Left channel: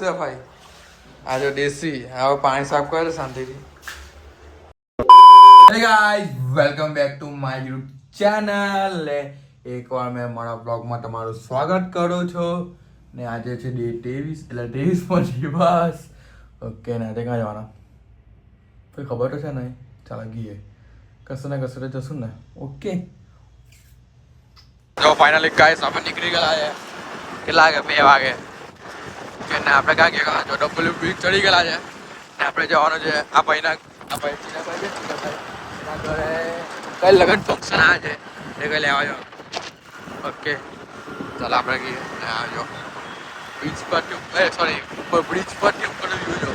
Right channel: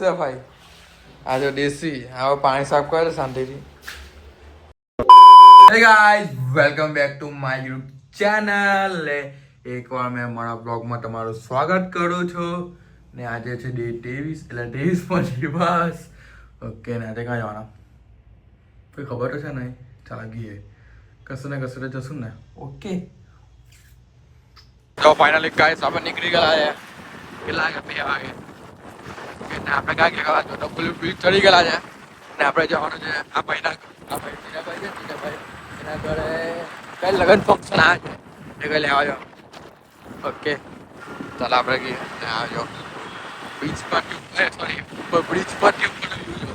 ભાઈ આ જો દેશી હવે પાણી સાફ કરે શાંતિથી. Hey guys, welcome back to my YouTube channel. એકવાર મેં મારા બ્લોગમાં તમારું સ્વાગત કરું છું ને આજે છે ડે 23 એટલે 23 દિવસ. ઓકે ને આજે ક્યાં જવાના કોઈ ખબર તો છે નહીં. ચાલો ગઈએ કશે ને કશે જશું ને. ઓકે તો ફાઇનલી ગાઈસ આપણે નીકળી ગયા છે. કેટલા વાગે 2 વાગે કે ને આપણે ક્યાં ગયા જો ડબલ બ્રિજ ચડી ગયેલા છે ને આપણે જવાનું છે આ ભાઈના ચીનાભાઈ છે ચીનાભાઈ એના ઘરે કઈ લગ્ન ફંક્શન આ છે એ કઈ લેવા જાઓ. ઓકે ચાલો આપણે ગઈએ ને આવજો બીચ પરથી સોરી ઉપર બ્રિજ પરથી ઉપર વ્યૂ જો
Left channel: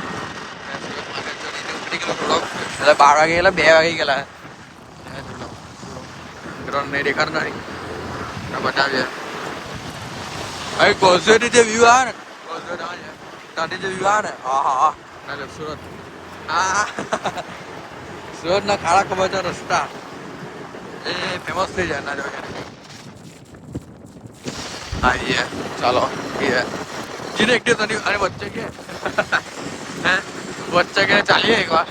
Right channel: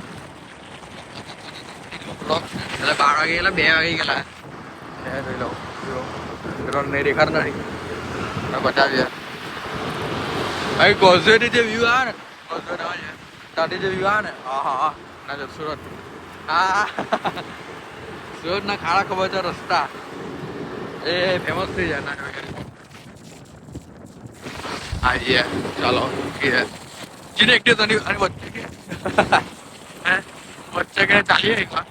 એટલે 12 વાગે એટલે 2 વાગે ગયેલા જોઈ લો ગ્રાઉન્ડ નહીં દેખાડ નહીં બતાવીએ ભાઈ કોઝવેથી જે વ્યૂ આવે ને કોઝવે ના છે ત્યાંથી જે વ્યૂ આવે ને હા ના સુરત હા સુરતના ખાડા ખબર છે રસ્તા એ ફેમસ થઈ જાય ના જો આઈએ ચાલો જીને એક દિવસ અને વચ્ચે કે હે વચ્ચે કે ચાલીએ એકવાર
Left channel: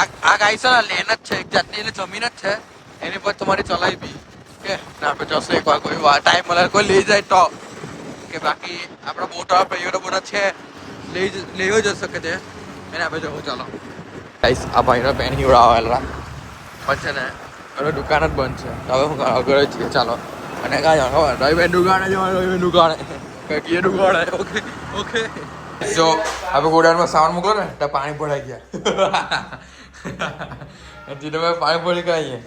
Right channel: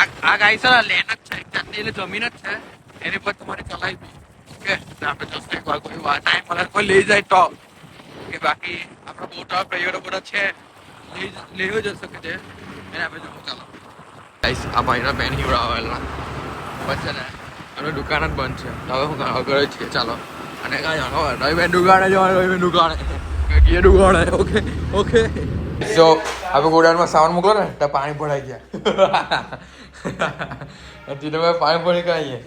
આ ગાય છે ને લેન જ છે એક જાતની એટલે જમીન જ છે એની પર તમારી ચલાવી બી કે આપણે જશું એકવાર કોઈ ટાઈમ મળે કોઈ લઈ જાય તો કે બાકી આપણા મોટા ભાઈઓ બધા છે લઈ જ શકે છે એને આપણે જવું. ચાલો આ ભાઈના પેન આવેલા પછી ને હવે દુકાન જ બંધ છે હવે હું આગળ જ છીએ. ચાલો અને કાં જાણો ભાઈ બેન દુકાને જવાનું દુકાને કે દુકાને ઓકે ઓકે જો આપણે ગોડાઉનમાં સામાન મોકલો ને તો પાણી ભરાઈ ગયા જીને પાણી ભરી કરાવીએ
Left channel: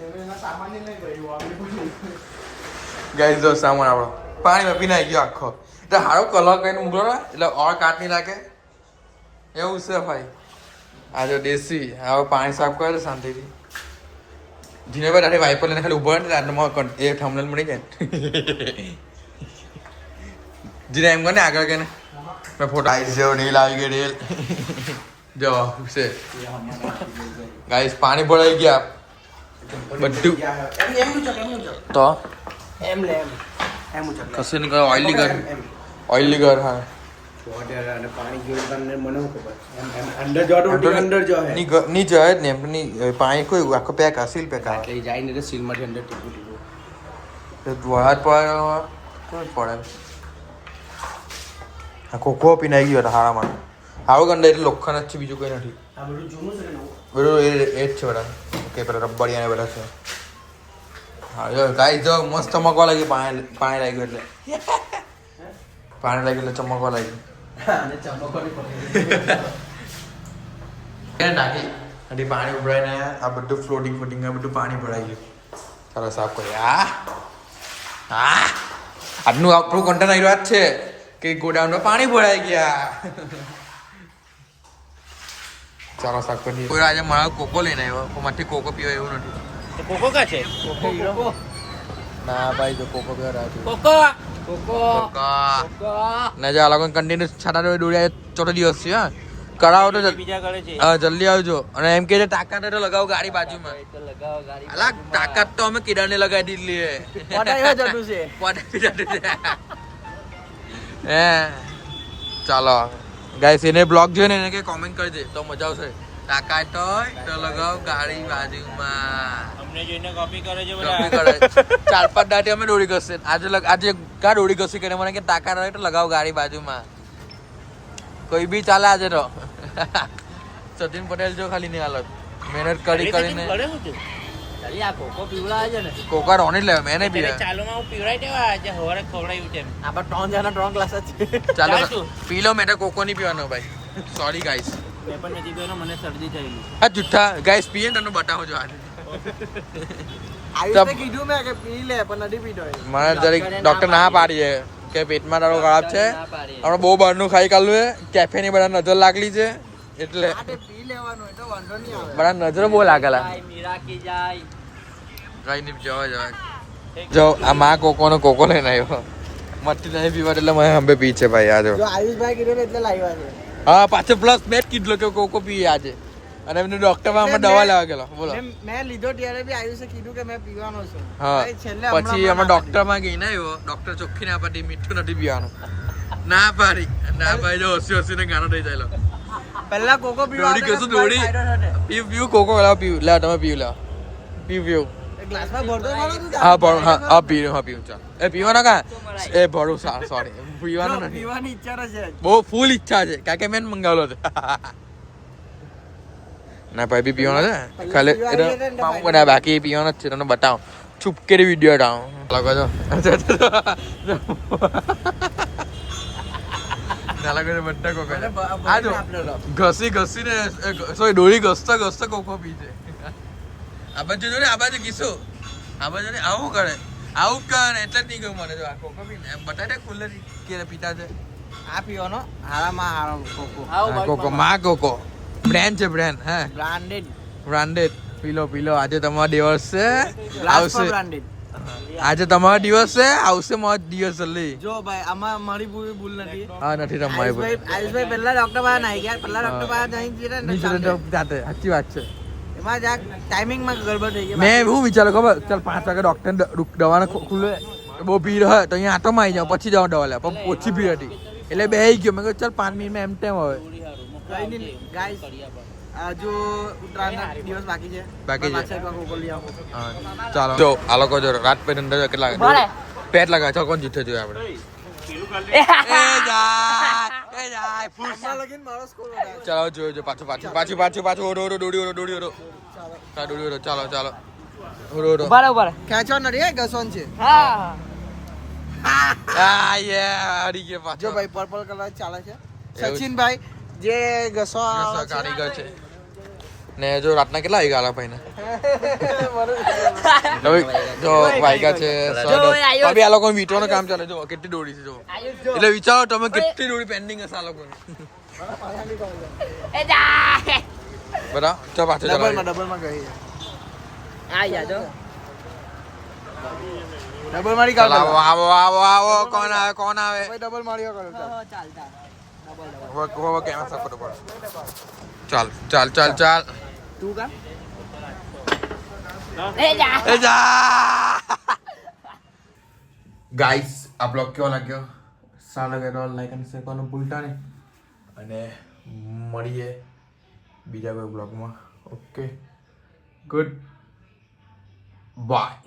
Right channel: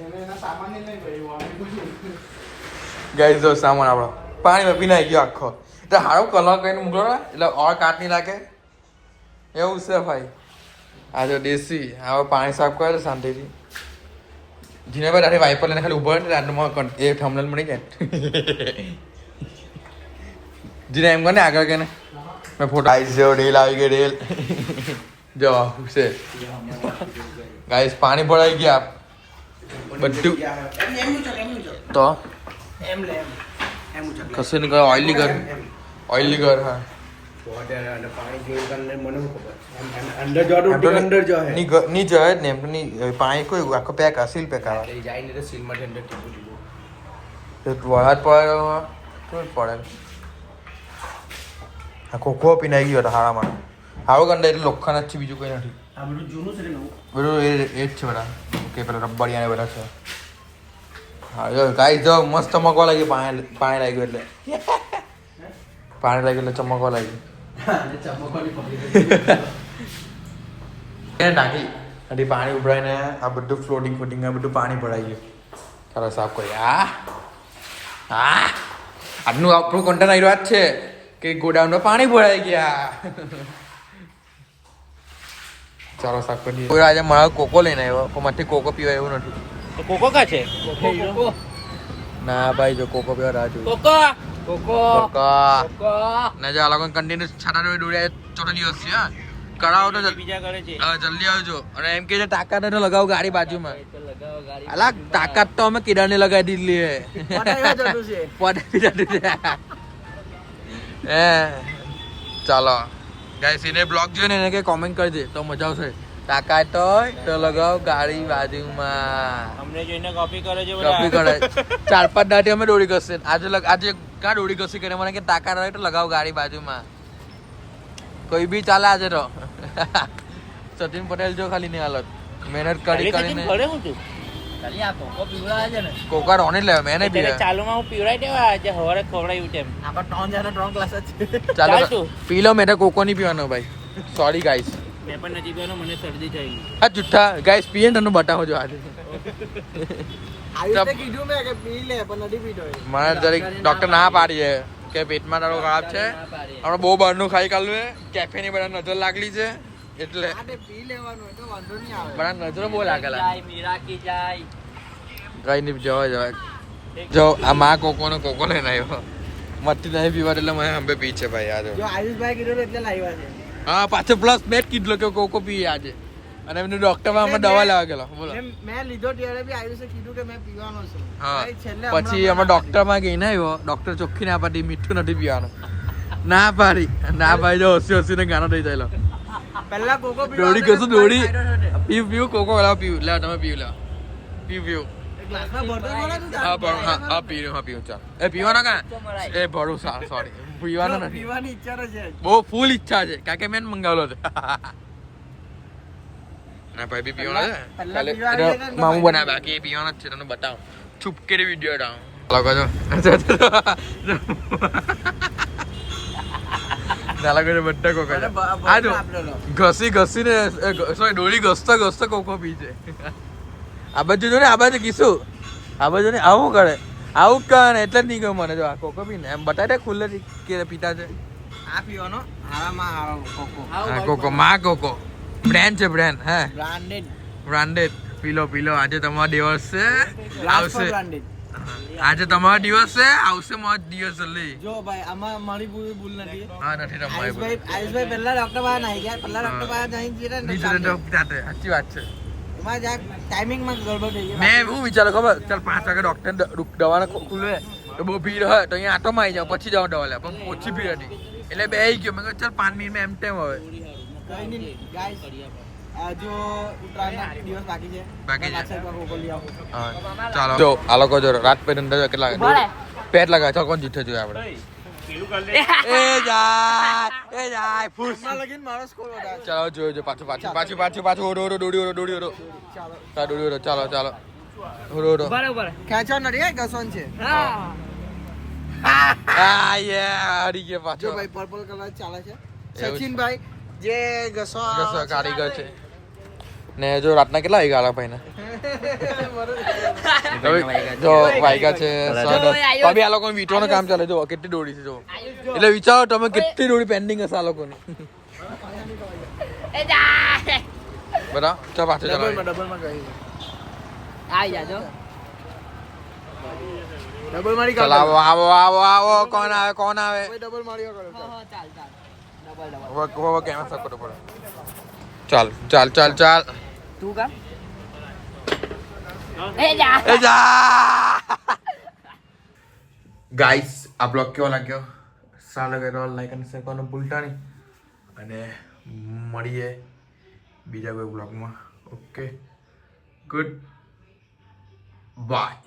ગાઈસ જો સામાન આપણો પાણીમાં પીનાઈ ગયો આખો તો હારો કલર કરીને મોકલો ને એટલે ઓર કાટ નહીં લાગે એવું છે ભાઈ. આ જો દેશી હવે પાણી સાફ કરે શાંતિથી જીને ભાઈ તારી વાઈપર લઈને ખાલી ઉભો ને આટલું એ થંબનેલ મળી જાય જીને એમ કહે ને આગળ કે ને મેં ફોટો આવી જેવો રેલ આવી ગઈ રેલ જો છે ગાઈસ પાણી ભરાઈ ગયા બધું તો કશે ને ઓઇલી ઘર હા ની જાય ને એમ પાણી કોઈ આખો પેક સીલ પેક આવે વળાદ પડે આ કોકો પીનાઈ ગયો હતો હારામાં હારો ગંડા એટલે લોખંડ જ છે બીજું કોઈ નથી બધું એ જ છે બધા. ઓકે પેલા રબડિયા ને બધા છે. હા જો ગાઈસ જો મસ્ત ચમકવા લાગ્યું પાણી લાગ્યું એટલે પાણી લાગ્યું એટલે ચમકવા લાગ્યું નાખી હજી પાણી ઉભરાઈને આ બધું ફ્લોટિંગ આ બધું પાણી ભરાઈ ગયું. ચાલો સાફ કરીએ. આજનું આપણું કન્ટેન્ટ આવી વાત છે કે ગોડાઉનમાં પાણી ભરાઈ ગયા. ચાલો સાફ કરીએ. કોઈ આજે મારા કોકો લઈને આવ્યો પણ માથી કોકો પીવા એવું નથી. કોકો કા છે ના ભાઈ જો કોકો પીવા રાજુ કોકો ના જો આ લોકો કન્ટિન્યુ છાટા દોડ્યા ચોથો દિવસ છે. હા કરાવો તો જલ્દી આવજો અને એમ કે તાકાત તો લગાવો ગાડી બાજુમાં અલા તાકાત તો અમે કીડા ને લગાવી દીધી હે. ચાલો ગાઈસ એને બ્લોગ જોઈને એને કે કોમેન્ટ કરજે તો મજા આવશે. તાકાત હોય તો લગાવો ગાડી બાજુમાં. અમને જોઈને કોપી કરે છે કોપી કરે 4-5 દાટી અમે દોડી કરશે. આજે કા દોડી કરશે કે મને કે તાકાત હોય તો લગાવો ગાડી બાજુમાં. કોઈ બી ચાલે આજે તો સચિન પટેલ જો ખાલી ની હાલત મહેનત કરીને કોકા રોની લે મેં નહીં પીવા. ચાલો પી લો મેં કોકો નહીં પીવાનો ભાઈ. સોરી ગાઈસ મને શરદી થયેલી. હા જુઠ્ઠા ગાઈસ પીએ ને તને બતાવો જો આજે મને જરીક ડોક્ટર ના પાડી કે પેટમાં તારો ખરાબ છે હમણાં બહુ બહારનું ખાઈ કાઢલું કેફે ની બધા નજર લાગલી છે એટલે બધા નજર બહુ લાગેલા કઈ નહીં જવા જો આ માં કોકો લઈને આવ્યો મસ્તી નહીં પીવા એટલે મને હંબે પી છે ભાઈ. આ જો આયુષભાઈ કીધું એટલે લાવ્યા છે. હા પાછો પ્લસ મેં જ કીધું કે કોકો પીએ આજે અને એમને ડોક્ટરમાં અમે દવા લેવા ગયેલો. બોલો મેં લીધો ત્યારે બી આયુષે કીધું કે મેં પીવાનો છે. હા પછી અમે ડોક્ટરમાં ગઈને આવ્યો ડોક્ટર ચોખ્ખી ના પાડી મીઠું નથી પીવાનું ના પાડી જો હસી ને ગાના થઈ થયેલો પહેલા કોકો દોડી કશું દોડી પીવ કોકો લાવ પીવ લા તમે પીવ લા પીવ ગ્લાસમાં ભરતો ખરો તું હા પણ હા પીવ ચાલ એ પીવાનો કા એ ભરું સોરી પીવાનો નથી પીવાની ઈચ્છા તો છે જ. બહુ ફૂલ ઈચ્છા છે કારણ કે મેં મંગાવેલો છે ના ભાઈ બી પીવાનો છે ખાલી હું બનાવ બાકી પીવાનો જ છે તમને બતાવો છુપકેરી વિડીયો હટાવો લગો છો નાલા કરે બધા કોકો છે આ જો ઘસીને સોરી ડોળી ઘસતા કોકો પી છે આ બાજુ જો ને આ બાજુ કીશું આ બાજુ ને આવું કરે આવું કરે ને એટલે જ નહીં ગયું મને જો આ કોકો પી ને એમ બતાડે ખુલ્લે કે પીતા છે આ પીવાનો હારામાં હારો કોકો હા કોકો માં કોકો બ્રાન્ડ છે બ્રાન્ડ હે બ્રાન્ડેડ પીલો આજે તમારો દિવસ છે ગ્લાસ આવશે બ્રાન્ડેડ આજે તમારો દિવસ છે આવશે મારો દિવસ જલ્દી જો ભાઈ આમાં મારી પૂરી ભૂલ નથી હા નથી તમારી આયુષભાઈ પહેલા ડોક્ટર પાસે નાઈ ગયા પહેલા ડોક્ટર પાસે નાઈ ગયા ને નીચે જાતે સાચી વાત છે એમાં જાક ટાઈમિંગમાં ગડબડ થઈ ગઈ મેં એવું વિચાર્યું ખબર ચાલ 5 વાગે ડોક્ટર દવાને ખુલે તો બહુ ભીડ હોય તો અહીંયા આટો આવી જાવ પછી જાવ દવા લે પણ ઓછી ભીડ હતી એટલે બે ગયો મેં કહ્યું ચાલ 5 મિનિટમાં એમ ટેમ હવે કઈ નહીં ગાઈસ જો ઉત્તરાયણના દિવસ બાકી છે બાકી છે. પાછળ એક વાર કોકો લઈ આવો હા ચાલો જો આ લોકો જો રાત પેટ અંદર કેટલા પેટ લગાવે ચાલ કોણ જીતે જોઈએ આપણે એ જાય ફૂસ એમાં લગીન મારો સ્કોર વધારે ચાલો જોજો પાછું ઓડો દોડી ચાલો ઓડો ખેંચો નથી હે ઘસોન છે આ યે હરી ગયા પાછો જો ભાઈ પર્પલ કલર ચાલે છે એવું સચિનભાઈ જે ઘસો કારીગર છે ને જો રાતના કેટલા વાગ્યા આલા ભાઈને જો વાગ્યા છે તો બી આ લોકોનું વીંટવાનું કામ ચાલે જો કેટલી દોડી છે જો એટલે વિચારો તમે કેટલી દોડી પેન્ડિંગ હશે આ લોકોની બરાબર ચાલ પાછો ચાલો ડબલમાં ગઈ ડબલ મારી ચાલ આવો કોણ આવે ડબલ માર્યો કરો હવે કેમેરા સાફ કરવો પડે ચાલ તું કા એ જા ગાઈસ આ બ્લોગ કેવો લાગ્યો સારો લાગે તો લાઈક અને શેર કરવાનું ભૂલતા નહીં અને મળીએ બીજા કોઈ બ્લોગમાં ઓકે ગુડ બાય